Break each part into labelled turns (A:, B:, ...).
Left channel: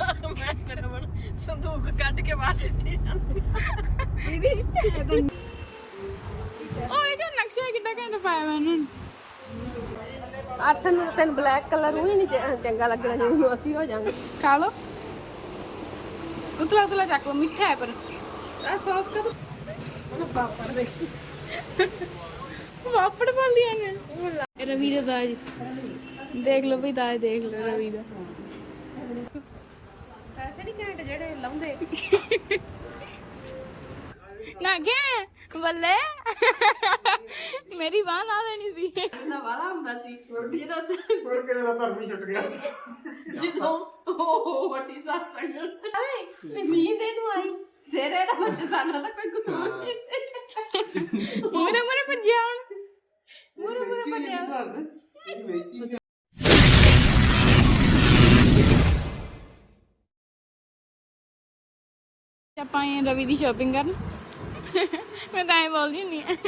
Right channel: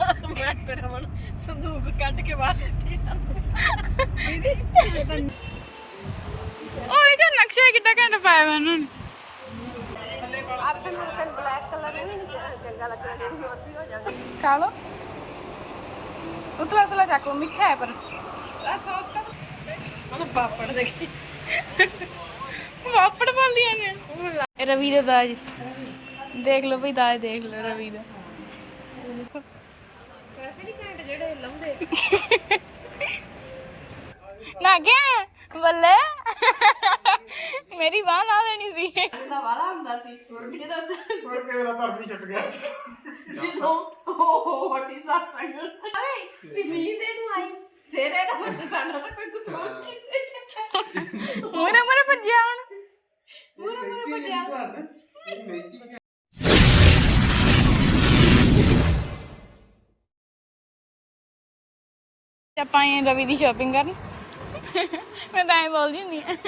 A: ਮੈਂ ਤੇਰਾ ਮਨ ਸੰਦੂਕ ਕੱਢ ਕੇ ਬਾਹਰ ਚਿੱਟੀ
B: ਉਹ ਇਹਦਾ ਨਕਸ਼ਾ ਕਿੱਡਾ ਘੰਟਾ ਪਾਇਆ ਵਾ ਉਹਨਾਂ ਨੇ।
A: ਅੱਠ ਨੂੰ ਤੈਨੂੰ ਬਲੈਕ ਕਲਰ ਉਹ ਹੀ ਨਹੀਂ ਚੰਗਾ ਲੱਗਣਾ ਜਿਹਨੂੰ ਅਸੀਂ ਹੋ ਜਾਾਂਗੇ।
B: ਖਾ ਲੋ ਉਤਲਾ ਉਤਲਾ ਚੱਕ ਲੋ, ਮਿੱਠਾ ਹੈ ਪਰ
A: ਆ ਸੌਸ ਕਾ ਮਨ ਪਾਪੜ ਦੇਖੀ
B: ਵਾਪੜ ਪਾਲੀਆਂ ਨੇ। ਰਵੀ ਦਾ ਦਾਜ ਦੇਖ ਲਓ ਭਈ, ਦਾਜ ਦੇਖ ਲਓ ਰਵੀ ਦਾ।
A: ਪੈਸੇ ਨਹੀਂ ਘੰਟੇ ਜਿਹੜੇ ਲਾਉਂਦੇ
B: ਨਾ ਗਿਆ ਬੱਲੇ ਮੇਰੀ ਬਾਂਹ ਲਾ ਦੇਣੀ ਸੀ।
A: ਨਾ ਵਾਲਾ ਹੁੰਦਾ ਸੀ ਜਦੋਂ
C: ਪੜ ਕੇ ਮੇਰਾ ਧਰਮ ਹੀ ਛੁੱਟ ਗਿਆ।
A: ਜਦੋਂ ਉਹ ਹਟੀ satsang ਅਰੇ ਵੀ ਨੀਂਦ ਇਹਨੂੰ ਆਈ ਸੇਰੇ ਦਾ ਬੱਚਾ ਸਾਡਾ ਤਾਂ ਕੋਈ ਕੁਝ ਹੋਰ ਨਹੀਂ ਸੀ।
B: ਮੂਰੇ ਮੂਰੇ ਭੱਜਿਆ ਹੁਣ।
A: ਮੂਰੇ ਬੱਚਾ
B: ਆਪਾਂ ਆਏ ਰਵੀ ਦੀ ਸ਼ਾਪਿੰਗ ਕਰਨ। ਮੈਂ ਤਾਂ ਐਂ ਬੋਲਦੀ ਹੁੰਦੀ ਆ।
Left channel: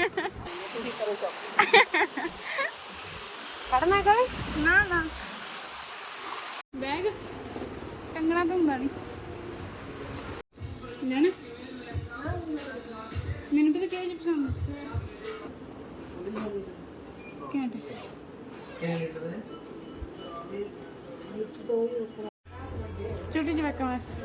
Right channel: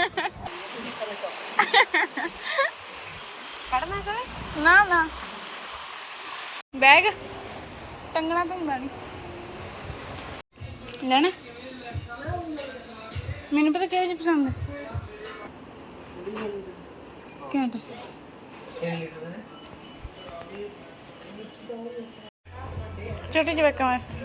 A: ਕੱਢਣਾ ਕਰੇ
B: ਨਾ ਨਾ ਬੈਗ ਟੰਗਣਾ ਤਾਂ ਹੁੰਦਾ ਨਹੀਂ ਲੈਣਾ। ਮੈਨੂੰ ਪਤਾ ਕਿਹੋ ਜਿਹੀ ਪਸੰਦ ਹੈ। ਘੰਟਾ ਛੋਟੀ ਜਿਹੀ ਬੱਕਾ ਵਾਸਤੇ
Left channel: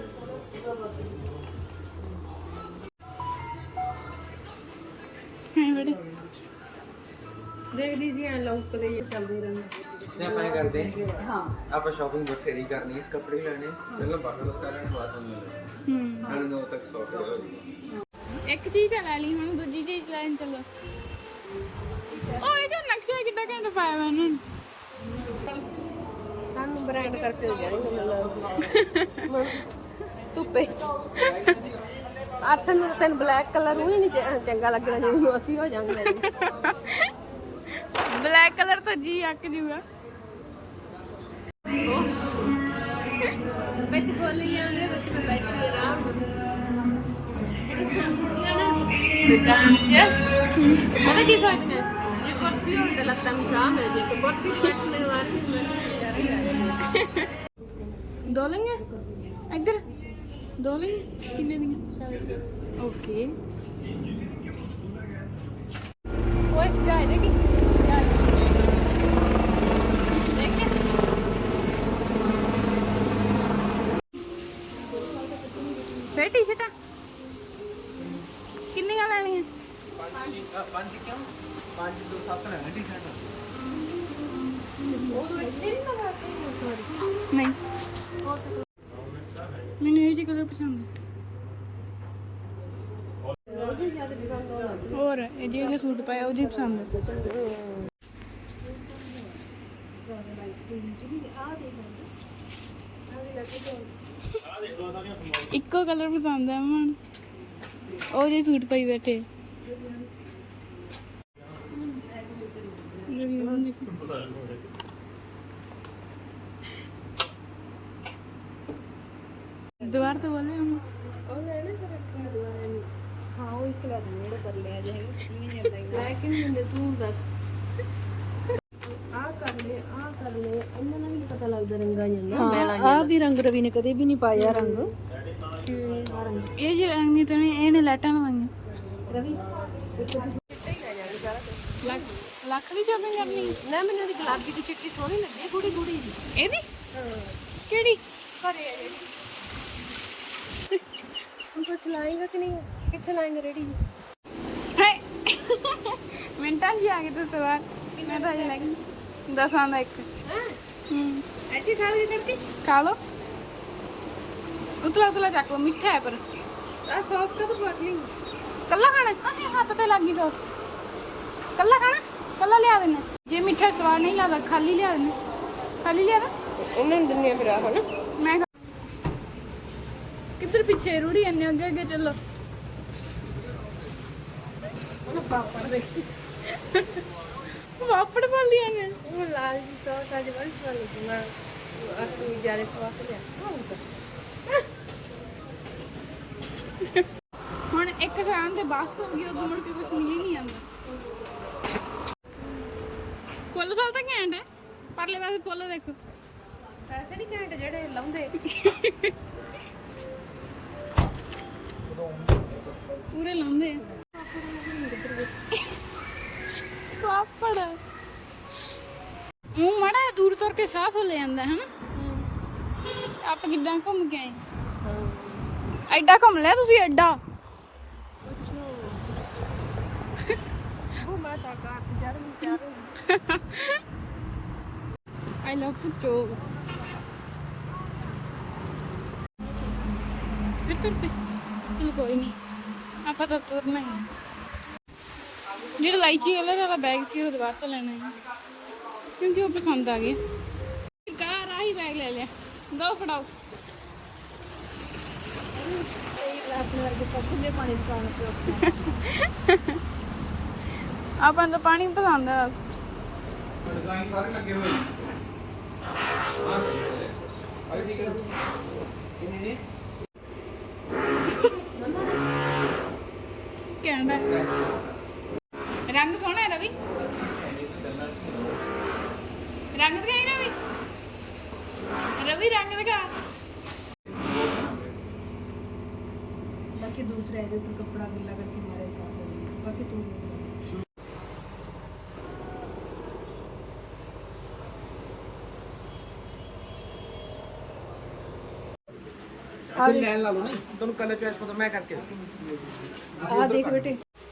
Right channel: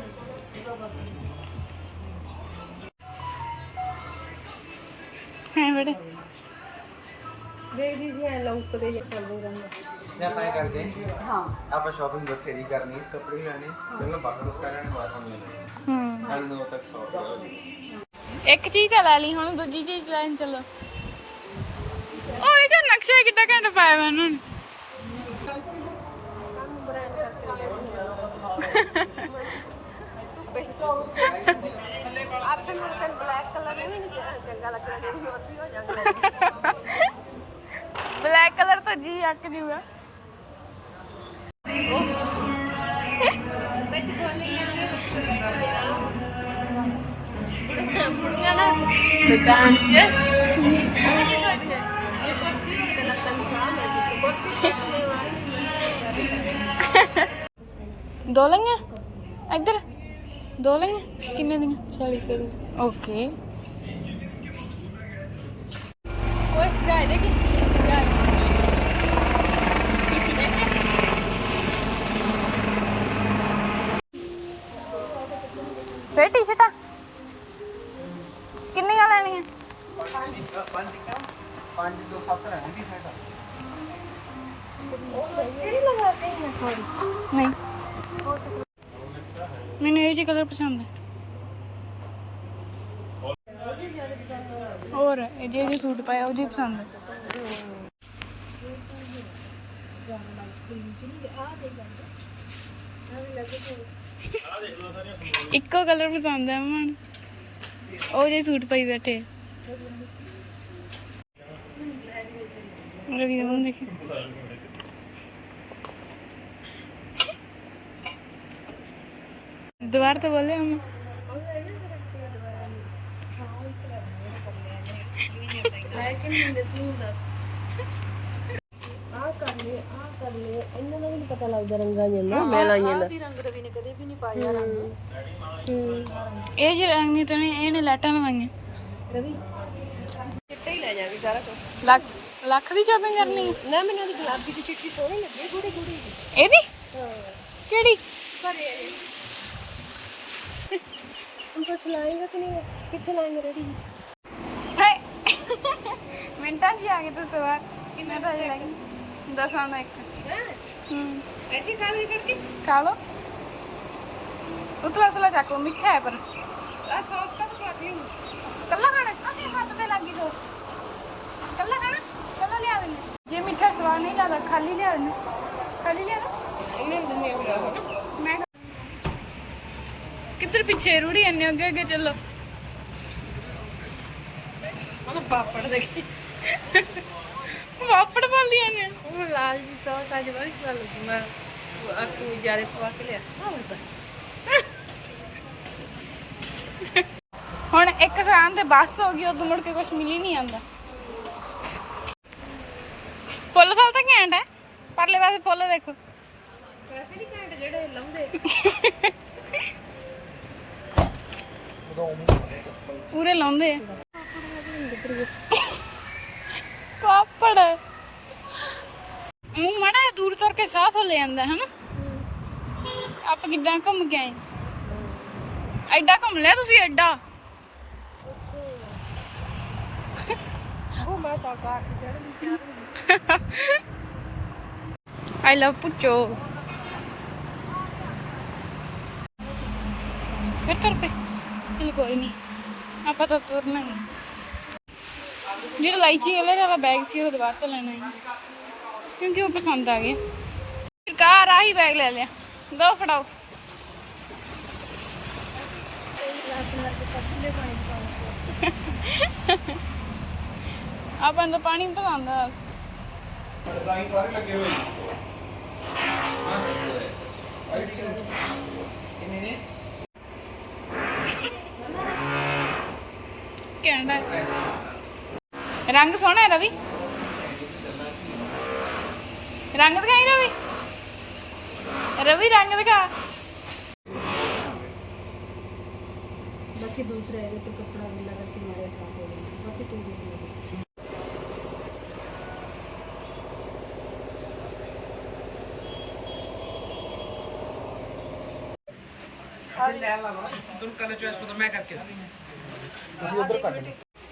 B: ਹੈ ਬੜੇ
A: ਦੇਖਦੀ ਸੀ ਐ ਲੌਂਕ ਦੇ ਜੇ ਚੱਲਦੇ ਰਹਿੰਦਾ।
D: ने अपन करते हैं
A: ਹਾਂ
D: आप शॉपिंग बस खरीदी करनी है, कपड़े लेने मतलब बाकी उसका लेने बाद हम ले लेंगे। हम 9 तक शॉप
B: ਇੱਕ ਚੀਜ਼ ਤਾਂ ਲੈ ਲਈ, ਹੁਣ ਦੂਜੀ ਚੀਜ਼ ਲੈਣ ਚੱਲੋ। ਉਹ ਇਹਦਾ ਨਕਸ਼ਾ ਕਿੱਡਾ ਘੰਟਾ ਪਾਇਆ ਵਾ ਉਹਨਾਂ ਨੇ।
A: ਬ੍ਰਾਂਡ ਕਰਕੇ ਧੁੱਪੇ ਅੱਠ ਨੂੰ ਤੈਨੂੰ ਬਲੈਕ ਕਲਰ ਉਹ ਹੀ ਨਹੀਂ ਚੰਗਾ ਲੱਗਣਾ ਜਿਹਨੂੰ ਅਸੀਂ ਹੋ ਜਾਾਂਗੇ।
B: ਬਲੈਕ ਕਲਰ ਤਾਂ ਜੀ ਅੱਕ ਜੂਗਾ।
A: ਵਿੱਚ ਬੋਲੀਆਂ ਨੇ ਕੁੜੀਆਂ ਨਾ ਦੁਕਾਨ 'ਚ ਉਹਨੇ ਕੀ ਕਰਨਾ ਇਹ ਕੁਰਸੀ ਤੇ ਲੱਗਦਾ ਮਿਠਾ ਮਿਲ ਜੇ ਤੇ ਕੁਰਸੀ ਤੇ ਬੈਠਣੇ ਵਾਲੇ
B: ਦੋ ਲਈਆਂ ਇੱਧਰ, ਦੋ ਲਈਆਂ ਕਿੰਨੇ ਦੀਆਂ?
A: 40
B: ਓਕੇ। ਓਏ ਜਾਏ ਦੇਖੀ ਫੇਰ ਟੀ-ਸ਼ਰਟਾਂ ਕਿੰਨੀਆਂ ਲੈਣੀਆਂ?
D: 5 2 7 है टी-शर्ट।
B: ਨਹੀਂ ਮੈਨੂੰ ਇਹ ਜਿਹੇ ਕਲਰ ਪਸੰਦ ਹੈ। ਹੋਰ ਇਹ ਜਿਹੇ ਸੂਟ ਪਾਇਆ ਉਹ ਜਿਹੇ ਪਸੰਦ ਹੈ। ਇੱਕੋ ਕਲਰ ਪਸੰਦ ਹੈ ਮਨ, ਉਹ ਜਿਹੇ ਸੂਟ ਪਾਈ ਬੈਠੇ। ਰਵੀ ਦਾ ਮੂੰਹ ਦੇਖੀ। ਦੁਬਾਰਾ ਤਾਂ ਬੋਲੇ ਹਮ
A: ਹਾਂ ਉਹ ਇੱਕ ਲੈ ਮੇਰੇ ਕਰ ਲਿਆ ਜੇ ਲੇਕਿਨ ਤੂੰ ਦੱਸ ਆ ਕਰ ਲੈ ਇਹਨਾਂ ਦਾ ਵੀ ਨਹੀਂ ਪਤਾ ਲੱਗਦਾ ਰੰਗਾਂ ਜਾਂਦਾ ਮੈਲਾਂ ਦੀ ਰੰਗ ਰਵੀ ਨੇ ਕਦੇ ਵੀ ਨਹੀਂ ਪਾਇਆ ਰੰਗ
B: ਇਹ ਜਿਹੇ ਰੰਗ ਨਹੀਂ ਤਾਂ ਇਹਨੇ ਲਾਈਟਾਂ ਲਵਾਈਆਂ।
A: ਰਵੀ ਚਿੱਟਾ ਹੀ ਲੈ ਜਾ ਵੀ ਸਾਰਾ
B: ਲੱਖ ਦੀ ਸ਼ਾਪਿੰਗ ਕਰਨੀ ਹੈ।
A: ਨਾ ਮੈਨੂੰ ਦੀ ਗੁਲਾਬੀ ਦੀ ਚਿੱਟੀ ਸੋਹਣੀ ਲੱਗੀ ਗੂੜੀ ਗੂੜੀ ਦੀ
B: ਇਹਦੀ ਕਿਹੜੀ?
A: ਘਰੇ ਆ ਜਿਹੜੀ हम कुछ लाएंगे कि नहीं कितने लाएंगे रेडी
B: ਹਾਏ ਮਿੰਟਾਂ 'ਚ ਹੀ ਆ ਗਏ ਤੁਸੀਂ ਬਾਹਰ। ਮੈਂ ਤਾਂ ਅਜੇ ਲੱਗੀ 10 ਦਾ ਇੱਕ।
A: हैं
B: ऐसे
A: खा भी करके
B: खा लो उतला उतला ਚੱਕ ਲੋ, ਮਿੱਠਾ ਹੈ ਪਰ
A: आ सॉस का तो रख ली
B: ਕੱਲਾ ਖਾਣਾ। ਅਰੇ ਹੱਥ ਤੇ ਲੱਗੀ ਸੌਸ। ਕੱਲਾ ਖਾਣਾ, ਕੱਲਾ ਲਿਆ ਦੇਣਾ। ਜੇ ਮਿੱਠਾ ਸਵਾਦ ਨਹੀਂ ਲੱਗਦਾ ਖਾਲੀ ਲਿਆ ਦੇਣਾ। ਖਾਲੀ ਲਿਆ ਦੇ
A: उन्हें दुनिया में रहो ना
B: ਮੈਂ ਕਿੱਧਰ ਪਿੱਛੇ ਰੂੜੀ ਇੰਨੇ ਅੱਗੇ ਅੱਗੇ ਚੱਲੋ।
A: मतलब पापड़ देखी
B: ਵਾਪੜ ਪਾਲੀਆਂ ਨੇ।
A: वो लाल जी सॉस आज बड़ी स्वाद लगी मैं और तू जारे पवा के लिया हां होता
B: ਹੁਣ ਇੱਕ ਥਾਂ ਤੇ ਬੱਸ ਹੋ ਗਈ, ਉਦੋਂ ਮੁੜ ਕੇ ਕੁਝ ਮਿਲ ਹੀ ਨਹੀਂ ਆਂਦਾ। ਫੁੱਲ ਫਲ ਤਾਂ ਘੈਂਟ ਹੈ, ਪਰਲੇ ਪਾਸੇ ਫੁੱਲ ਦੇਖੋ।
A: पैसे नहीं कहेंगे जेड़े लाऊंगे
B: ਪੂਰੇ ਲਾਉਂਦੇ ਆ ਪਾਪੜ ਉਹ ਮਾੜਾ ਜਿਹਾ ਦੂਰ ਤੁਰ ਕੇ ਸਾਫ਼ ਹੋ ਲੈ ਜਾਂਦਾ ਹੈ ਨਾ ਆਪਾਂ ਕਿੱਦਾਂ ਘੁੰਮ ਕੇ ਆਏ ਐਡਾ ਘੁੰਮ ਲਿਆ ਤੁਸੀਂ ਐਡਾ
A: ਉਹ ਮੈਂ ਤਾਂ ਕਾਰ ਤੇ ਚੜ੍ਹ ਗਈ
B: ਆਈ ਲਵ ਪੁੱਚੋ ਫਿਰ ਤੁਰ ਪਏ ਚਲ ਕੋਈ ਨਹੀਂ ਆਪਾਂ ਤਾਂ ਤੁਰਨਾ ਹੀ ਜਿਹੜਾ ਲਾਈਚੀ ਕਲਰ ਵਾਲਾ ਬੈਗ ਸੀ ਉਹ ਦੁਬਾਰਾ ਤੋਂ ਲੈਣਾ ਹੈ ਕਿਉਂਕਿ ਉਹ ਪਸੰਦ ਆ ਗਿਆ ਸਰਕਾਰ ਆਹੀ ਬੈਗ ਲੈ ਲਿਆ ਦੋ ਫੜਾਓ ਆਪਾਂ ਨੂੰ ਤਾਂ ਪਾਣੀ ਪਸੰਦ ਆ
D: ਡਿਜ਼ਾਈਨ ਸਾਰੇ ਲੱਗੇ ਹੋਏ ਕਿੰਨੇ ਨੇ
B: ਕਹਿੰਦਾ ਰੰਗ ਸੋਹਣਾ ਹੈ ਰਵੀ ਰੰਗ ਦਿਖਾਈ ਰਵੀ ਰਵੀ ਰੰਗ ਦਿਖਾ
A: बाकी दूसरा है तो कपड़ा गिला करके मेरे साफ हो गया बाकी तुम देख लो
D: आगे ले ला लो ना दोनों कलर चॉइस पता मैं करके
A: हाँ देख बेटे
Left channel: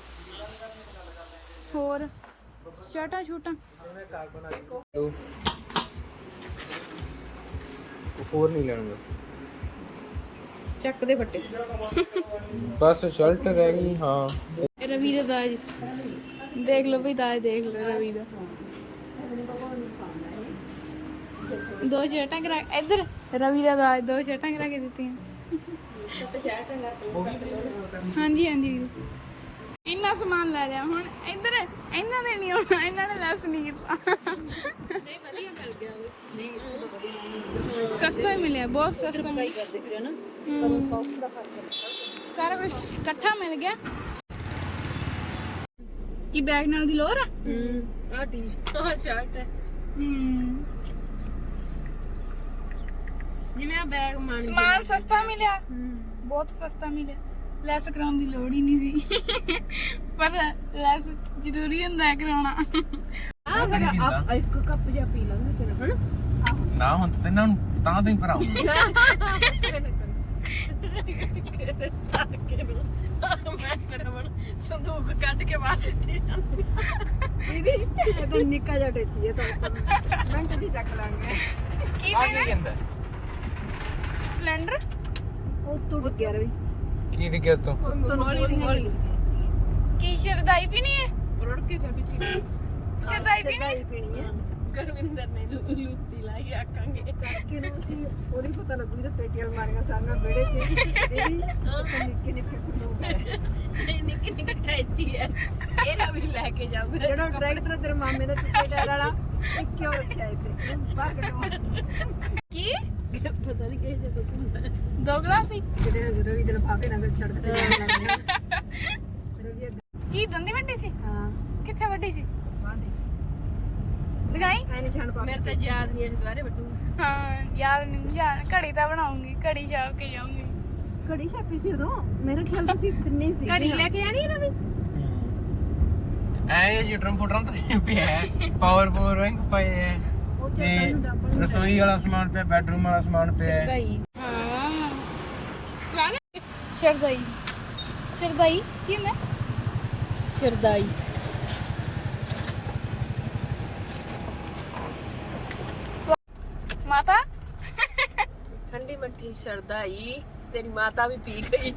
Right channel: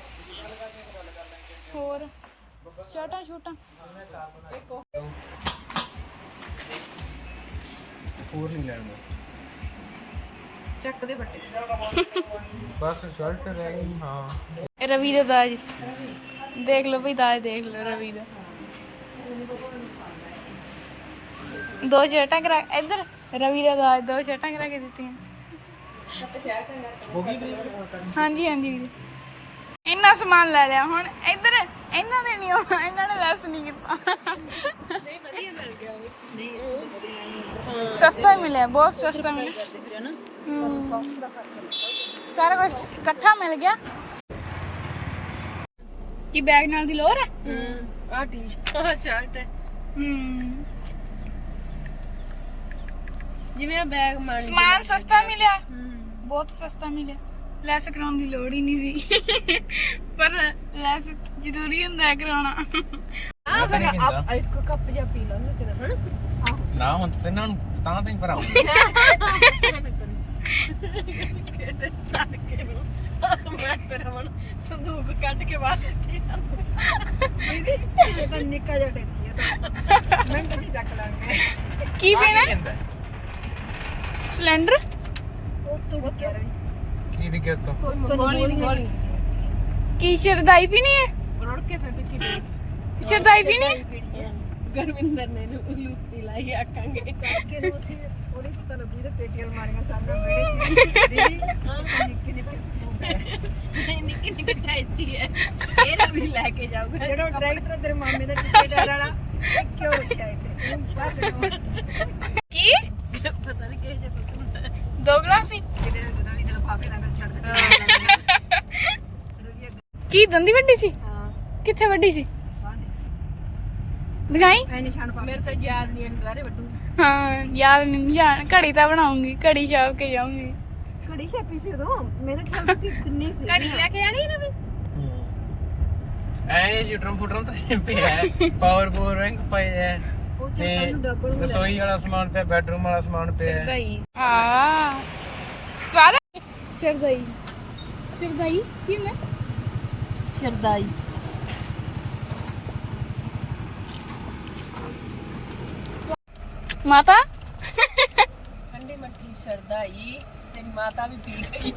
B: ਹੋਰ ਸ਼ਰਟਾਂ ਛੂਟਾਂ
D: ਹੋਰ ਨਹੀਂ ਲੈਣਾ
A: ਚੱਕ ਦੇ ਬੱਟੇ
D: ਬਸ ਸ਼ਰਟ ਰਹਿ ਗਈ ਹਾਂ
B: ਰਵੀ ਦਾ ਦਾਜ ਦੇਖ ਲਓ ਭਈ ਦਾਜ ਦੇਖ ਲਓ ਰਵੀ ਦਾ ਦੋ ਸ਼ਰਟਾਂ ਕਰਾ ਇੱਧਰ ਰਵੀ ਦਾ ਦਾਜ ਦੋ ਸ਼ਰਟਾਂ ਕਰਾ ਕੇ ਦਿੱਤੀਆਂ ਹਾਂਜੀ ਹਾਂਜੀ ਵੀਰੇ ਇੰਨਾ ਸਮਾਨ ਲੈ ਲਿਆ ਹੁਣ ਇੱਧਰ ਇਹਨਾਂ ਦੇ ਨਹੀਂ ਆਉਣਾ ਇਹਨਾਂ ਨੇ ਲੈਸ ਨਹੀਂ ਕੀਤਾ
A: ਨਹੀਂ ਵਧੀਆ ਮਿਲ ਗਿਆ ਵੇ ਨਹੀਂ ਉਹ ਤਾਂ ਵਧੀਆ ਨਹੀਂ
B: ਸਸਤਾ ਹੀ ਮਿਲਿਆ ਬਹੁਤ ਸਸਤਾ ਮਿਲਿਆ
A: ਕਰਦੇ ਫਿਰ ਨਾ ਸੌਕਸ ਦਾ ਫਰਕ
B: ਸਾਰਾ ਕੁਝ ਇਕੱਠਾ ਮਿਲ ਗਿਆ ਕੀ ਬੈਗ ਨਾਲ ਦੀ ਲੋਰ ਹੈ
A: ਆ ਟੀ-ਸ਼ਰਟ ਆ ਸ਼ਰਟ ਹੈ ਜਿਵੇਂ ਆ ਬੈਗ ਮਾਨ
B: ਸਮਾਨ ਸਸਤਾ ਮਿਲਿਆ ਬਹੁਤ ਸਸਤਾ ਮਿਲਿਆ ਲੈਸ ਕਰਾਉਣ ਦੀ ਲੋੜ ਹੀ ਨਹੀਂ ਸੀ ਪਰ ਲੈਸ ਜ਼ਰੂਰੀ ਹੁੰਦਾ ਹੈ ਕਰਾਉਣਾ
A: ਆ ਫਿਰ ਆਪ ਇੱਕ ਕੱਪ ਜਿਹਾ ਪੀ ਲਾਂਗੇ ਤੇਰਾ ਹਨਾ
D: ਨਾ ਹੁਣ ਤੇ ਇਹਨਾਂ ਨੂੰ ਤਾਂ ਤੈਨੂੰ ਭਰਾਉਂਗਾ
A: ਮੈਂ ਤੇਰਾ ਮਨ ਸੰਦੂਕ ਕੱਢ ਕੇ ਬਾਹਰ ਚੱਟੀ ਦੀਦੀ ਤਾਂ ਨਿੱਕਾ ਜਿਹਾ ਟੱਚੀ ਹੈ ਤਾਂ ਮਿੰਟ ਜੀ ਚੱਕ ਲਾਂਗੇ
B: ਕੀ ਪੀਣਾ ਸਿਲੰਡਰ
A: ਉਹ ਤੋਂ ਡਿੱਗਿਆ ਰਹੀ
D: ਕੀ ਡਿੱਗਿਆ ਤੂੰ
A: ਤੋਂ ਗੋਲੀਆਂ
B: ਕੀ ਸ਼ਰਦਾਈ ਪੀਣੀ ਹੈ
A: ਰੜ ਕੇ ਫਿਰ ਪਿੱਛੇ ਗਈ
B: ਸ਼ਰਦਾਈ ਪੀਣੀ ਹੈ
A: ਪੀਣੀ ਹੈ ਗਰਵਿੰਦਰ ਨੇ ਲੁੱਤੀ ਲਾਈ ਆਕਾਂਗੇ ਕਿ ਨੂੰ ਅਸੀਂ ਉਹਨੇ ਪਤਾ ਲੱਗੂ ਤੇ ਪੇਟੀਆਂ ਮਾਰੀਆਂ ਸਾਨੂੰ ਬੇੜੇ ਚ ਦੀਦੀ ਨਿੱਕੇ ਨਿੱਕੇ ਸੰਦੂਕ ਹੈ ਨਿੱਕੇ ਨਿੱਕੇ ਟੈਚੀ ਹੈ ਇਹਦਾ ਵੀ ਲੈ ਕੇ ਜਾਊਗਾ ਜਿਹੜਾ ਟਰੈਕਟਰ ਤੇਰੇ ਮਾਮੇ ਦਾ ਟਿੱਕੇ ਟਾਇਰ ਵਾਲਾ ਕਿਉਂ ਰੱਖਿਆ ਇੱਥੇ ਭਾਗਣਾ
B: ਕੀ
A: ਪਤਾ ਨਹੀਂ ਕਿਹੇ ਜਿਹਾ ਕੁਝ ਹੁੰਦਾ
B: ਦੋ ਗਲਾਸ ਸੀ
A: ਕਿਤੇ ਰਵੀ ਦੇ ਫਾਕੇ ਨਾਲ ਛੜਕ ਰਵੀ
B: ਕੀ ਦੰਦੀ ਵੱਡੀ ਸੀ
A: ਹਾਂ
B: ਕਿੱਥੇ ਵੱਡੀ ਸੀ
A: ਬਾਂਦੇ
B: ਦਿਖਾਈ
A: ਐ ਨਿਸ਼ਾਨ ਪਾ ਮੇਰੇ ਤੇ ਯਾਦ ਨਹੀਂ ਅੰਗਾਰੇ ਵੱਡੂ
B: ਹਾਂ ਯਾਦ ਨਹੀਂ ਜਾਣ ਘੜੀ ਤਾਂ ਬਣਾਉਂਗੀ ਘੜੀ ਛਾਪ ਕੇ ਜਾਊਂਗੀ
A: ਘੜੀ ਛਾਪੀ ਸੀ ਉਦੋਂ ਮੇਰੇ ਖਿਆਲ ਤੁਸੀਂ ਤਿੰਨੇ ਸੀ ਘੜੀ ਲੈ ਕੇ ਆਣੀ ਰਵੀ
D: ਐ ਜੁਟਰਮ ਫੁਟਰਮ ਤਾਂ ਪਿਆ ਪਾਵਰ ਰੈਂਕ ਪਏ ਐ
A: ਉਹ
D: ਤੇ
A: ਤੇ ਡਬਲ
D: ਰਸੋਈ ਵਾਲਾ ਸਮਾਨ ਪਿਆ ਬੈਡਰੂਮ ਵਾਲਾ ਸਮਾਨ ਪਿਆ
B: ਸ਼ਰਦਾਈ ਹਾਂ ਸਵਾਦ ਹੈ ਸ਼ਰਦਾਈ ਸ਼ਰਦਾਈ ਕੀ ਹੁੰਦਾ
A: ਸ਼ਰਦਾਈ
B: ਮਾਤਾ
A: ਠੰਡੀ ਮੱਠੀ ਸ਼ਰਦਾਈ ਤੇਰੀ ਮਾਤਾ ਵੀ ਪੀ ਗਈ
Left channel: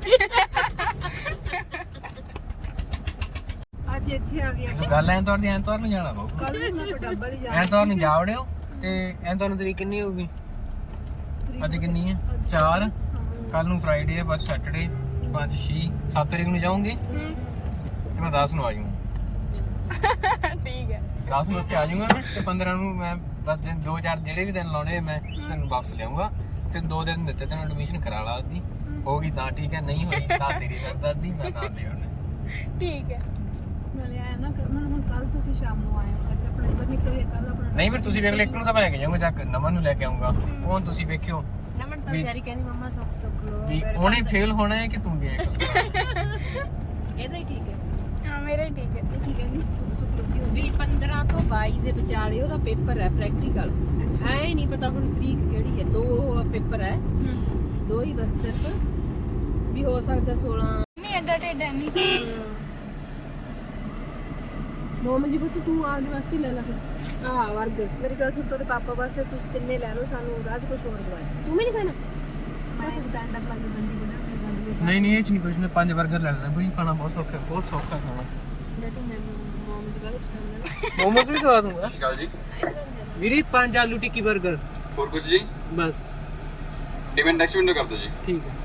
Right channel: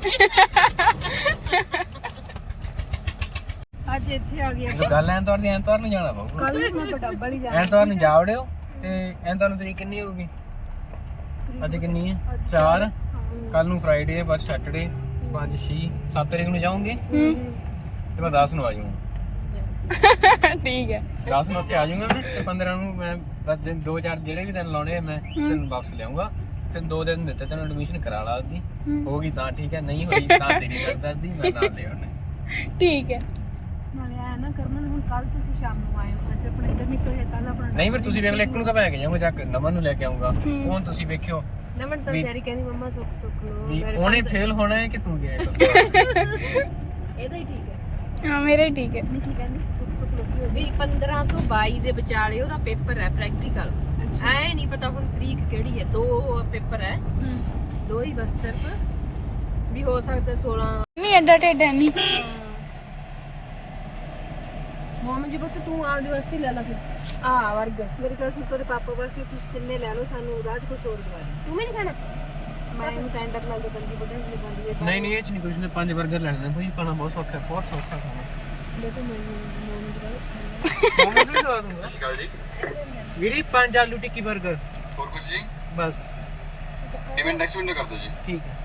A: ਅੱਜ ਇੱਥੇ ਆ ਗਿਆ
D: ਗੱਲ ਐਤਵਾਰ ਦੀ ਐਤਵਾਰ ਨੂੰ ਜਾਣਾ ਪਊਗਾ
A: ਕੱਲ ਨੂੰ ਆਪਾਂ ਡੱਬਾ ਨਹੀਂ ਜਾਣਾ
D: ਐਤਵਾਰ ਨੂੰ ਜਾ ਵੜਿਓ ਤੇ ਐਤਵਾਰ ਨੂੰ ਤਰੀਕ ਕਿੰਨੀ ਹੋਊਗੀ ਅੱਜ ਕਿੰਨੀ ਹੈ 4 ਕੱਲ ਨੂੰ ਫਰਾਈਡੇ ਹੈ ਬਸ ਸੈਟਰਡੇ 5 6 7 ਤਰੀਕ ਨੂੰ ਜਾਉਂਗੇ ਤੇ ਮੈਂ 10 ਨੂੰ ਆ ਜਾਊਂਗਾ
B: ਠੀਕ ਹੈ
D: 10 ਨੂੰ ਉੱਥੇ ਆ ਜਾਊਂਗਾ ਮੈਂ ਤੇ 15 ਨੂੰ ਮੈਂ 10 ਦਿਨ 2-4 ਜਿਹੜੇ ਵੀ ਦਿਨ ਲਾਉਣੇ ਮੈਂ ਤੈਨੂੰ ਵਾਪਸ ਲਿਆਉਂਗਾ ਤੇ 2 ਦਿਨ ਦਿੱਤੇ ਤੈਨੂੰ ਐਡਮਿਸ਼ਨ ਕਰਾ ਲਾ ਦੀ ਹੋਗੀ ਤਾਂ ਠੀਕ ਹੈ ਨਹੀਂ ਹੋਈ ਤਾਂ ਤੇਰੀ ਕਰਦਾ ਦੀ ਮੈਂ ਤਾਂ ਲੈ ਆਉਣੇ
B: ਠੀਕ ਹੈ
A: ਨਾਲੇ ਆਇਆ ਨਾ ਕਰਮਨ ਹੁਣ ਕੱਲ ਤੁਸੀਂ ਸ਼ਾਮ ਨੂੰ ਆਏ ਹੋ ਅੱਜ ਆਪਣਾ ਇੱਧਰ ਨਿਕਲ ਗਿਆ ਕੱਲ ਆਪਣਾ
D: ਨਹੀਂ ਫਿਰ ਤੁਸੀਂ ਵੇਖ ਲੈ ਇੱਕ ਨੂੰ ਤਾਂ ਮੈਂ ਲੈ ਕੇ ਜਾਊਂਗਾ ਜਾ ਕੇ ਨਮਨ ਨੂੰ ਲੈ ਕੇ ਆਉਂਗਾ ਹੁਣ ਤੁਸੀਂ ਵੇਖਿਓ
A: ਨਮਨ ਤਾਂ ਤੇਰੀ ਕਹਿੰਦੀ ਮੰਮਾ ਸੁੱਕ ਲੋ
D: ਵੀ ਉਹਨੇ ਫੇਲ ਹੋਣਾ ਹੈ ਕਿ ਤੂੰ ਗਿਆ ਕੁਛ
A: ਇਹਦਾ ਹੀ ਠੀਕ ਹੈ।
B: ਹਾਂ ਮੇਰਾ ਹੀ ਠੀਕ ਹੈ।
A: ਕੀ ਕਹਿੰਦੀ ਸੀ ਸੁੱਕ ਲੱਗੀ ਵੀ 15 ਤੋਂ 22 ਦੇ ਵਿਚਾਲੇ ਉਹਦਾ ਪੇਪਰ ਹੈ ਪ੍ਰੈਕਟੀਕਲ। ਐ ਨਹੀਂ ਪਤਾ ਹੁਣ ਤਰੀਕ ਕਿਹੜੀ ਹੈ। 2 ਪੇਪਰ ਹੈ, 2 ਹੀ ਬਸ ਸਿਰਫ ਵੀ ਹੋ ਸਕਦਾ 16
B: ਨਹੀਂ ਐਡਾ ਟੇਡਾ ਨਹੀਂ।
A: ਮੋਮ ਜੀ ਬਤ ਤੂੰ ਆਉਣ ਵਾਸਤੇ ਲੈ ਲਾ ਫਿਰ ਆ ਵਰਗਰ ਮੇਰੇ ਕੋਲ ਸਿੰਪਲ ਦੇ ਪਾਪਾ ਵਾਸਤੇ ਤੁਸੀਂ ਤਿੰਨੇ ਲੈ ਲਓ, ਸਾਨੂੰ ਰਾਜ ਕੁਛ ਹੋਰ ਦਵਾ। ਤੂੰ ਵੀ ਨਹੀਂ ਖਾਣਾ? ਮੈਂ ਇਹਨੂੰ ਟੈਂਡਰ ਲਾ ਕੇ ਬੰਦੀ ਬਣਾ
D: ਨਹੀਂ ਨਹੀਂ ਇਹ ਚ ਨਹੀਂ ਕੁਝ ਨੇ 5 버ਗਰ ਲੈਣੇ ਭਾਈ, ਖਾਣਾ ਬਹੁਤ ਸੌਖਾ ਹੈ, ਬਹੁਤ ਸੌਖਾ ਖਾਣਾ।
A: ਲੈ ਤੂੰ ਮੈਨੂੰ ਮੋਮ ਜੀ ਵਾਲਾ ਪਸੰਦ ਹੈ।
D: ਮੋਮੋਸ ਵੀ ਦਵਾ ਦੂੰਗਾ ਜੀ ਵੀਰੇ। 5 ਆਲੂ ਟਿੱਕੀ 버ਗਰ
E: और कुछ जी?
D: ਬਸ
E: पेमेंट नेक्स्ट विंडो कर दो जी।
D: ਠੀਕ ਹੈ।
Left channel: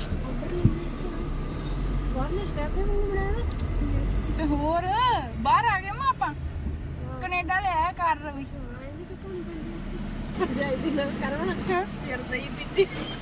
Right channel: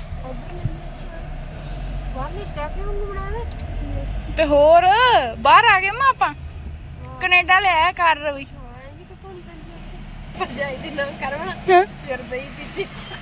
A: ਬਾਹਰ ਮੈਂ ਕੈਫੇ ਵਾਂਗੂ ਬਣਾਇਆ ਵੇ।
B: ਤੇ ਹੋਰ ਬਾਹਰ ਆ ਗਏ ਮਾਂ ਆਪਾਂ, ਕੈਨੇਡਾ ਲੈ ਆਇਆ ਕਰ ਰਵੀ।
A: ਭਰਜਾਈ ਦੀ ਨਾ ਕਰਵਾ ਚਿਰ ਦਈ ਦਿੱਤੀ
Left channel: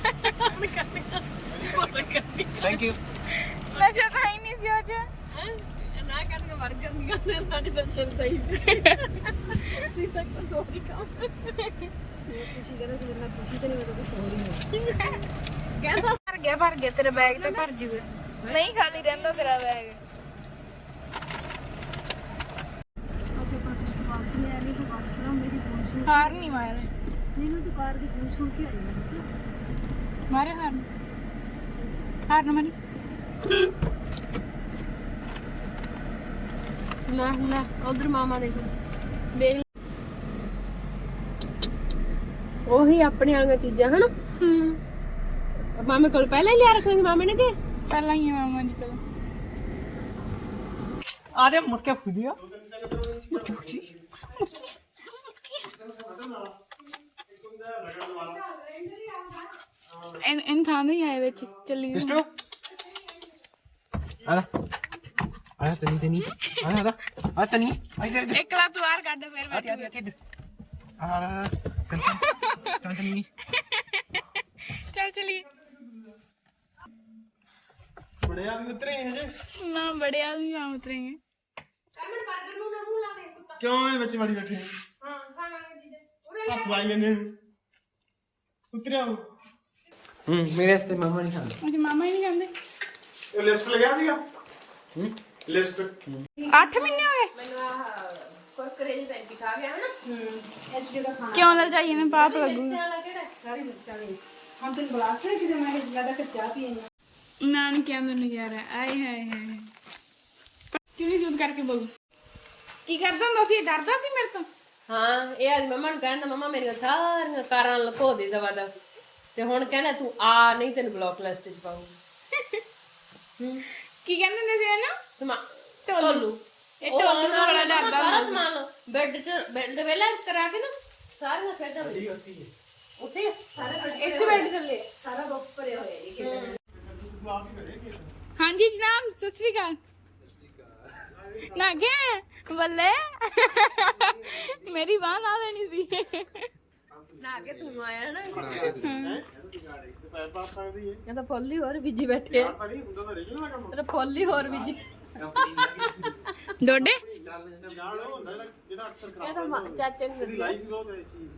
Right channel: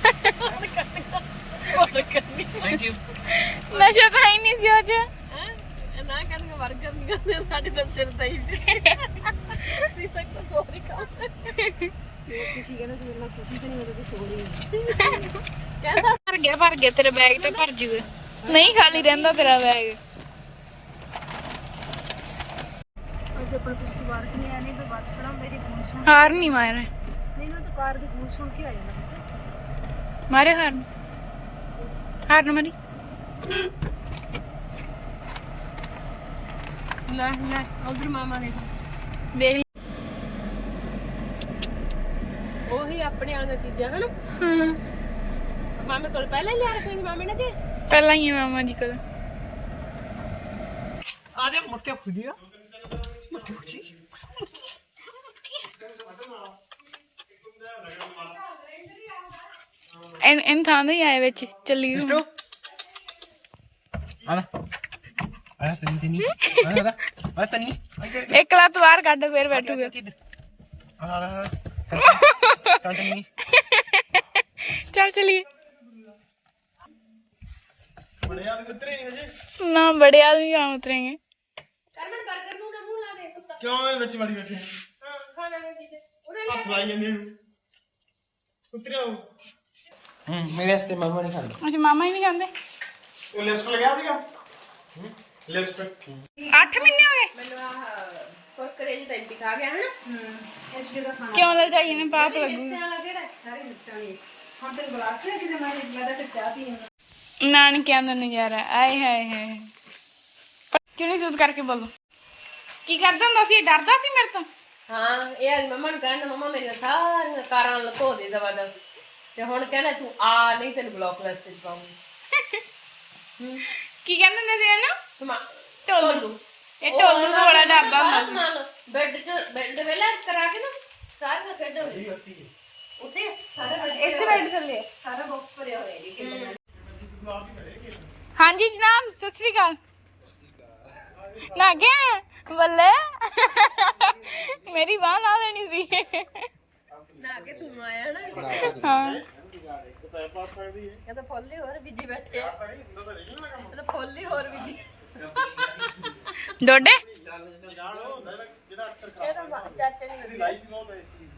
D: ਥੈਂਕ ਯੂ।
B: ਨਸ਼ਾ ਤਾਂ ਹੀ ਨਹੀਂ ਸੀ ਉਹ ਚ।
A: ਹੈ ਨਾ ਕਰਨ ਕੋ ਵਰਗਰ ਨਹੀਂ ਕਰਦੇ ਸਾਡੀ ਤਾਂ ਚਿਰ ਦਈ ਸੀ ਤਾਂ ਕੁਝ ਹੋਰ ਹੀ ਕੰਮ। ਖੁਸ਼ੀ ਕਹਿੰਦਾ ਸੀ ਮੇਰੇ ਨਾਲ ਖੁਸ਼ੀ ਤਾਂ ਨਹੀਂ, ਮੇਰੇ ਕੁਝ ਹੋਰ ਹੀ ਹੈ। ਕਹਿੰਦਾ
B: ਭਰ ਗਿਆ ਤੇਰਾ ਬੈਗ ਤੇ ਭਰ ਜੂਗਾ, ਨਹੀਂ ਖਾਲੀ ਰਹਿੰਦਾ ਤੇਰਾ ਬੈਗ।
A: ਅੱਜ ਆਪਣਾ ਕੁਝ ਬਾਹਰ ਚ ਨਹੀਂ ਆਣੀ, ਫਿਰ ਬਾਅਦ ਚ ਖੜਾ ਮੇਰੀ ਗੱਲ ਸੁਣ।
B: ਹਾਰ ਨਹੀਂ ਮਾਰੇ,
A: ਨਹੀਂ ਨਾ ਤੂੰ ਕਾਰ ਦੀ ਗੂੰਜ ਸੁਣ ਕੇ ਆਈ
B: ਮਾਰੇ ਹਾਰ ਨਾ ਮਾਰੀ।
A: ਲੈ ਲੈ ਉਧਰ ਮਾਮਾ ਦੇਖੋ,
B: ਦੇਖ
A: ਉਹੀ ਆਪਣੇ ਵਾਲੀਆਂ ਚੀਜ਼ਾਂ ਹਨ। ਮਾਮੇ ਕੋਲ ਪਹਿਲਾਂ ਹੀ ਲਿਆ ਰੱਖਾਂਗੇ ਮਾਮੇ ਨੇ ਕਿ
B: ਪਹਿਲਾਂ ਹੀ ਆ ਮਾਮਾ ਜੀ ਕੋਲ।
D: ਆ ਦੇ ਮੁੜ ਕੇ ਫੁੱਲਿਆ
B: ਐਨ ਥਾਂ ਨਹੀਂ ਆਏ ਵਿੱਚ ਚੱਲੀ ਗਈ।
D: ਮਿਸਟਰ ਆਣਾ ਆਇਆ ਤਨੀ ਆਣਾ ਆ ਤਨੀ ਇੱਧਰ
B: ਇੱਕ ਲੱਤ ਬਾਹਰ ਕੱਢ ਫੇਰ ਬੈਠੂਗਾ।
D: ਆ ਤਨੀ
B: ਚੱਲ ਚਲੀਏ।
C: ਬੜੇ ਆਦਮੀ ਉਤਰੇ ਨਹੀਂ ਹਜੇ।
B: ਨਾ ਬੜੇ ਆਦਮੀ ਕਹਾਂ ਉਤरेंगे।
A: ਕਰਮਨ 버ਗਰ ਨੂੰ ਨਾ ਮੂੰਹ ਲਾਵੇ ਕੁੱਤਾ।
C: ਕਿਉਂ ਇਹ ਬੱਚੇ ਵਾਲੀ ਬੈਠੇ ਨੇ?
A: ਹਾਂ ਖਾਣਾ ਨਾ ਜੀ ਉਰੇ
C: ਹੱਥ ਲਾਈ ਜਾਂਦੇ ਨੂੰ ਉਤਰਿਆ ਉਹ
D: ਮੇਰੇ ਵਾਸਤੇ ਮਮਾ ਨਹੀਂ ਖਾਂਦਾ।
B: ਅੱਛਾ ਮਾਮਾ ਹੀ ਨਹੀਂ ਖਾਂਦੇ।
C: ਲਿਸਟ ਲਗਿਆ ਸੀਗਾ ਲਿਸਟ
B: 8 ਮਹੀਨੇ ਹੋ ਗਏ।
A: ਮੈਨੂੰ ਆਹ ਕੁਰਕਰੇ ਜਿਹੇ ਟਾਈਪ ਦਿਖਾ ਗਿਆ ਹਨਾ। ਇਹ ਜਿਹੜਾ ਖਾਣਾ
B: ਕਿਉਂ ਲਲਚਾਈ ਨੇ ਪਾਪ ਲੱਗੂਗਾ।
A: ਵਾਲਾ ਕਿਹੜਾ ਸਾਰੇ ਮਿਰਚਾਂ ਵਾਲੀ। ਹੁਣ ਤੈਨੂੰ ਗਲਾਸ ਲੈ ਕੇ ਦੇ ਮਾਰੇ ਲੱਗਦਾ ਕਿ ਚਾਹ ਪੀਣਾ।
B: ਨਾਨਕਿਆਂ ਦਾ ਨਜ਼ਾਰਾ ਆਏ ਹਾਏ ਹਾਏ। ਚੁਣੀ ਸੂਤ ਕਰਕੇ ਬੋਲੋ। ਕੀ ਕਰਦਾ ਹੁੰਦਾ ਸੀ? ਡਰਦਾ ਸੀ ਮੇਰੇ ਤੋਂ?
A: ਹਾਂ ਇਹ ਅੱਜ ਮੰਮਾ ਨੂੰ ਕਹਿੰਦਾ ਮੰਮਾ ਮੇਰੀਆਂ ਸਾਰੀਆਂ ਕਾਰਾਂ ਲਕੋ ਦੇ ਜ਼ਬਰਦਸਤ ਤੇ ਹੁਣ ਕਹਿੰਦਾ ਤੂੰ ਆ ਨਹੀਂ ਤੈਨੂੰ ਬਲੌਕ ਲਿਸਟ 'ਚ ਪਾਉਂਗੀ।
B: ਕੀ ਕਹਿੰਦੇ ਹੁੰਦੇ ਸੀ ਇਹਨੂੰ?
A: ਟੋਲੂ
B: ਇਹ ਟੋਲੂ ਤੋਂ ਬੜਾ ਡਰਦਾ ਹੁੰਦਾ ਸੀ।
A: ਬੈੱਡ ਵੇਲਾ ਕਰਾ ਕੇ ਨਾ ਸਾਰੀਆਂ ਖੇਡਾਂ ਉੱਥੇ ਸਾਰਾ
B: ਇਸੇ ਬੈੱਡ ਥੱਲੇ
A: ਸਾਰਾ ਬਾਕਸ ਭਰਿਆ ਹੋਇਆ ਇਹਦੇ
B: ਹਾਂਜੀ ਜਨਾਬ ਸਤਿ ਸ੍ਰੀ ਅਕਾਲ। ਨਾ ਗਿਆ ਬੱਲੇ ਮੇਰੀ ਬਾਂਹ ਲਾ ਦੇਣੀ ਸੀ।
A: ਨਾ ਕੇ ਤੂੰ ਆਇਆ ਨਾ
B: ਹਾਂ
A: ਕਹਿੰਦਾ ਫੁੱਲ ਹੀ ਹੋਰ ਬੀਜੀ ਬੈਠੇ ਆ। ਕਹਿੰਦਾ ਫੁੱਲ ਹੀ ਹੋਰ ਬੀਜੀ
B: ਡੋਡੇ
C: ਜਿਹੜਾ ਅਕਸਰ
A: ਕਹਿੰਦਾ ਚਾਚੇ ਨੂੰ
C: ਦੀ ਲਾਈਫ ਬਹੁਤ ਐਸੀ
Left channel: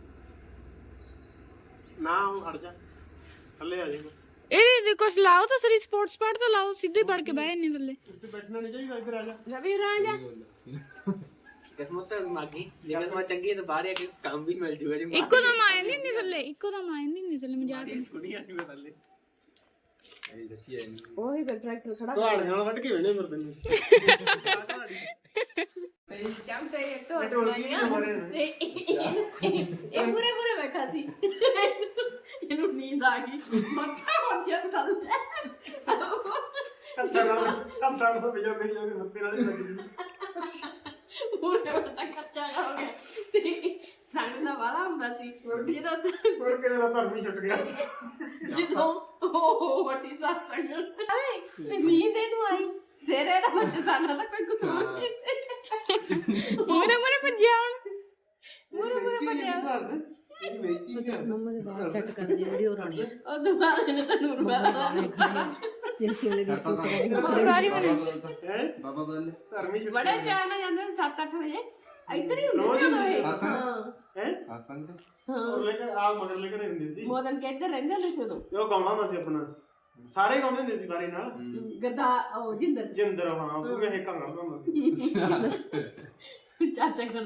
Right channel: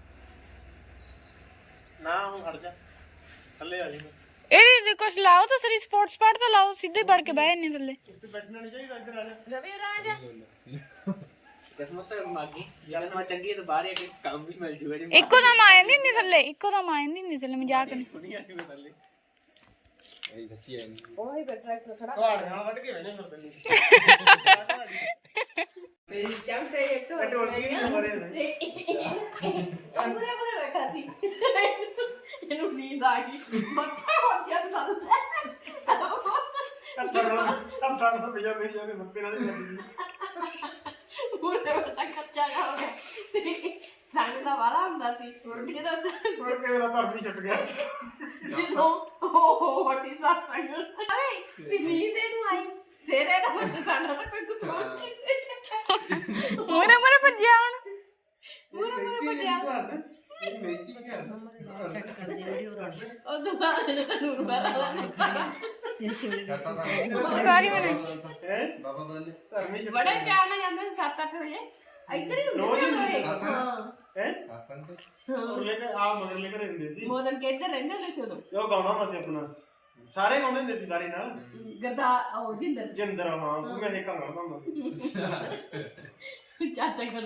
C: ਨਾ ਉਹ ਹਟ ਜਾ ਥੱਲੇ ਆ ਜਾਏਗਾ।
B: ਇਹਦੇ ਕੁਛ ਲਾਓ ਤਾਂ ਸਰੀ ਸਪੋਰਟਸ ਪਾਰਟ ਤਾਂ ਲਾਓ, ਸਿੱਧੇ ਵੜ ਕੇ ਬਹਿ ਨਹੀਂ ਥੱਲੇ।
C: ਇੱਥੇ ਬੈਠਣਾ ਨਹੀਂ ਚਾਹੀਦਾ, ਇੱਧਰ ਆ ਜਾ।
A: ਰਵੀ ਰਾਜਾ
D: ਕਿਸਮਤ ਤਾਂ ਮਾਗੀ ਜੇ ਕਿਸਮਤ ਚੰਗੀ ਹੈ ਤਾਂ ਬਾਹਰ ਆ ਕੇ ਕੰਮ ਵੀ ਮਿਲ ਜੂਗਾ ਜੀ।
B: ਇੱਕੋ ਦਮ ਆ ਜਾਂਦੀ ਹੁੰਦੀ ਥੱਲੇ, ਇੱਕੋ ਦਮ ਆ ਜਾਂਦੀ ਹੁੰਦੀ ਥੱਲੇ। ਮਜ਼ਾਕ ਨਹੀਂ।
D: ਕੁੜੀ ਆ ਜੂਗਾ ਥੱਲੇ।
A: ਉਹੀ ਟਰੈਕਟਰ ਖੜਾ
C: ਤੁਹਾਡੇ ਨਾਲ ਵੱਢ ਕੇ ਵੇਣੇ ਫਿਰ ਤੈਨੂੰ
A: ਜੰਮ ਸੇ ਇੱਕ ਤੋਂ
C: ਢੋਲਕੀ ਨਹੀਂ ਮਾਰੇ ਨੇ।
A: ਇਹ ਪੂਰੇ ਬੈਠਾ ਸੀ। ਇਹਨੂੰ ਨੀਂਦ ਆ ਗਈ ਮੱਥਾ ਹੁਣ ਚੱਲ ਚੱਲ
C: ਹੱਥਾਂ ਨਾਲ ਬਿਜਾ ਕਰੀ ਜਾ ਕੇ ਮੱਤੇ ਨਾਲ ਹੀ ਵੱਜਦੀ।
A: ਪੂਰੇ ਬੈਠਾ ਕੱਚਾ ਹੋ ਗਿਆ ਤੇ ਸੰਗ ਦਾ ਵਾਲਾ ਹੁੰਦਾ ਸੀ ਜਦੋਂ
C: ਮੁੜ ਕੇ ਮੇਰਾ ਧਰਮ ਹੀ ਛੁੱਟ ਗਿਆ।
A: ਜਦੋਂ ਉਹ ਵੱਡੀ ਸਾਥ ਸੰਗ ਅਰੇ ਵੀ ਨੀਂਦ ਇਹਨੂੰ ਆਈ ਸੇਰੇ ਦਾ ਬੱਚਾ ਸਾਡਾ ਤਾਂ ਕੋਈ ਕੁਝ ਹੋਰ ਕਿਸੇ
B: ਮੂਰੇ ਮੂਰੇ ਭੱਜਿਆ ਹੁਣ।
A: ਮੂਰੇ ਭੱਜਿਆ
C: ਇਹ ਬੇਇੱਜ਼ਤੀ ਨਹੀਂ ਕਰਦਾ।
A: ਸੈੱਟ ਕਰ ਦੀ ਵੀਡੀਓ ਰਾਣੀ ਉਹ ਤੋਂ ਬਾਅਦ ਇਹਨੇ ਤਾਂ ਨੂਰ ਵਾਲਾ ਇਹ ਸ਼ਿਵਲੇ ਦੀ
B: ਸਾਰੀ ਬਣਾਈ।
C: ਹੈ ਬਾਬਾ ਬੰਦ ਧਰਮ ਹੀ ਛੁੱਟ
A: ਬੜੇ ਚਾਰ ਨਾਲ ਜਾਂਦੇ 7-8 ਵਜੇ ਇੱਧਰ ਹੀ
C: ਰੋਜ਼
A: ਹੁੰਦੇ
C: ਹੀ
A: ਸੀ ਉਦੋਂ ਇਹ। ਹਾਂ
C: ਹੈ
A: ਹਾਂ
C: ਉਹ ਲੈ ਕੇ ਆ ਮਗਰ ਲੈ ਕੇ ਰਹਿੰਦੇ ਸੀ
A: ਮੋਦਨ ਕੇ ਇੱਧਰ ਰਹਿੰਦੇ ਨੇ ਸੀ ਉਦੋਂ
C: ਤੇ ਉਹ ਗਾਉਂਦਾ ਹੁੰਦਾ ਸੀ ਆਪਣਾ ਸਾਰੇ ਰੋਂਦੇ ਹੁੰਦੇ ਸੀ ਬਾਰੇ ਨਾਲ
A: ਗਰਦਾ ਉਹ ਜਿੰਦਰ
C: ਜਿੰਦਰ ਹਾਂ ਉਹ ਵੀ ਇਹ ਕੰਗੜਦਾ ਹੁੰਦਾ ਸੀ
A: ਚਾਚਾ ਕਰ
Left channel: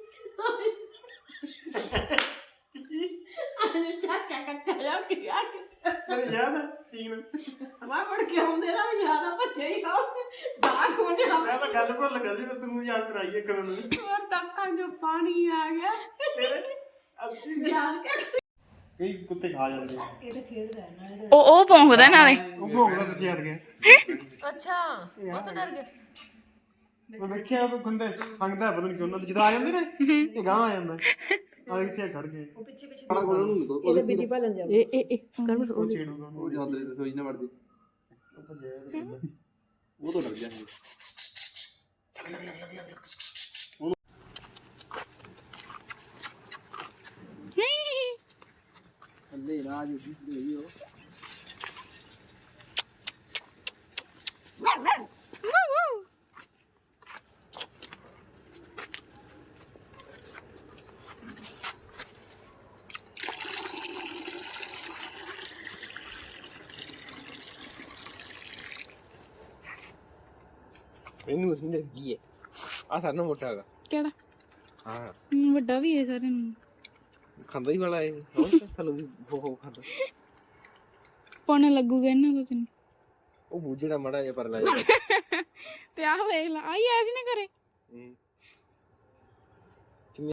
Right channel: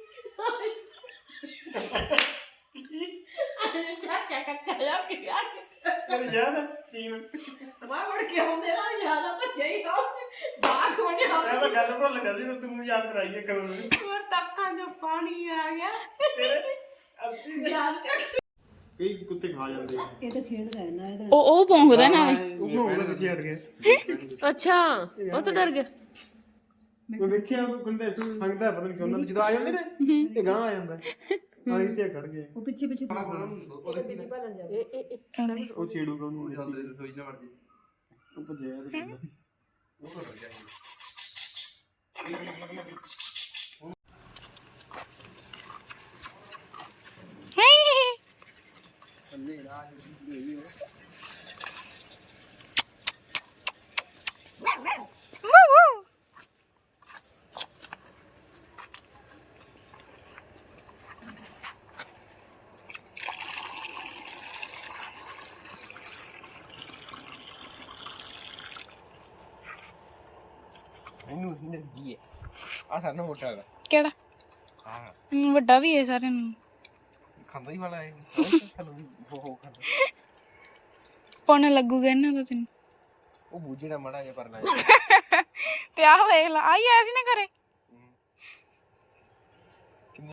A: ਚਾਚਾ ਕੱਚਾ ਜਾ ਕੇ ਯਾਰ
C: ਤੇਰੀ ਯਾਦ ਹੈ ਸੀਨ
A: ਮੈਂ ਮੁੜ ਕੇ ਆਉਂਦੇ ਨਾ ਯਾਦ ਆ ਬੱਚੇ ਹੀ ਹੋ ਬਾਗ ਹੋਣੇ ਹੋ
C: ਮੈਂ ਤਾਂ ਗੱਲ ਭੁੱਲ ਗਿਆ ਸੀ ਤੇ ਤੈਨੂੰ ਯਾਦ ਕਰਾਈ ਇੱਕ ਦਿਨ
B: ਹੋਰ ਤੱਕਾਂ ਜੋ ਪਾਣੀ ਆ ਗਿਆ
C: ਤੇਰੇ ਅਸਲੀ
A: ਯਾਦ ਕਰ
C: ਕਈ ਕੁੱਤੇ ਖਾ ਜਾਂਦੇ
A: ਇਹ ਤਾਂ ਖੇਡਦਾ ਹੈ ਨਾ
B: ਉਹ ਭੌਂਕਦਾ ਨਾਲੇ
C: ਉਹ ਭੋਗਦਾ ਪਿੱਛੇ ਹਟ ਗਿਆ
A: ਅੱਛਾ ਉਹ ਤਾਂ ਡਰ ਗਿਆ
C: ਮੈਂ ਵੇਖਿਆ ਉਹ ਕੰਦੇ ਸੰਗਦਾ ਪਤਾ ਨਹੀਂ ਕਿ ਉਹਨਾਂ ਦੇ ਜਦੋਂ ਆ ਜਾਂਦੇ ਨੇ ਇਹ ਗਾਂ ਆ ਜਾਂਦਾ ਆ ਇੱਥੇ ਖੜ ਗਏ
A: ਉਹ ਪਿੱਛੇ ਪਿੱਛੇ ਇਹਦੇ ਬਿੱਲੀ ਭਾਲਣ ਜਾ ਇਹ
C: ਉਹ ਛੇੜੂਗਾ ਉਹਨੂੰ
E: ਉਹ ਜਾਂਦੇ ਰਸੋਈ ਨਾ ਵੜ ਜੇ
C: ਉਹ ਭੱਜਿਆ
E: ਉਹ ਤੋਂ ਡਰ ਗਿਆ ਅੱਲੇ ਨਾ ਜੀ ਵੀ ਹੋ
D: ਇਹਨੂੰ ਅਸੀਂ ਜੀ ਆ ਸਾਡਾ ਮੋਟਾ ਹੈਗਾ
B: ਕਿਹੜਾ
D: ਹਾਂ
B: ਵੱਡਾ ਵੀ ਹੈ ਸਾਰਿਆਂ ਨੂੰ
D: ਖਾਂਦਾ ਹੀ ਵਾਲਾ ਇਹ ਥਲੋਂ ਹੋ ਖਾਂਦਾ
B: ਪੌਣੇ ਲੱਗੂਗਾ ਇਹਨਾਂ ਦਾ ਤੈਨੂੰ
D: ਉਹ ਬੂਝੜਾ ਮੜਾ ਜਿਹਾ ਪਰ ਲੈ
B: ਤੇ ਆਹ ਵੇਖ ਲਾ ਆਈ ਐਸੀ ਨਾ ਕਰੇ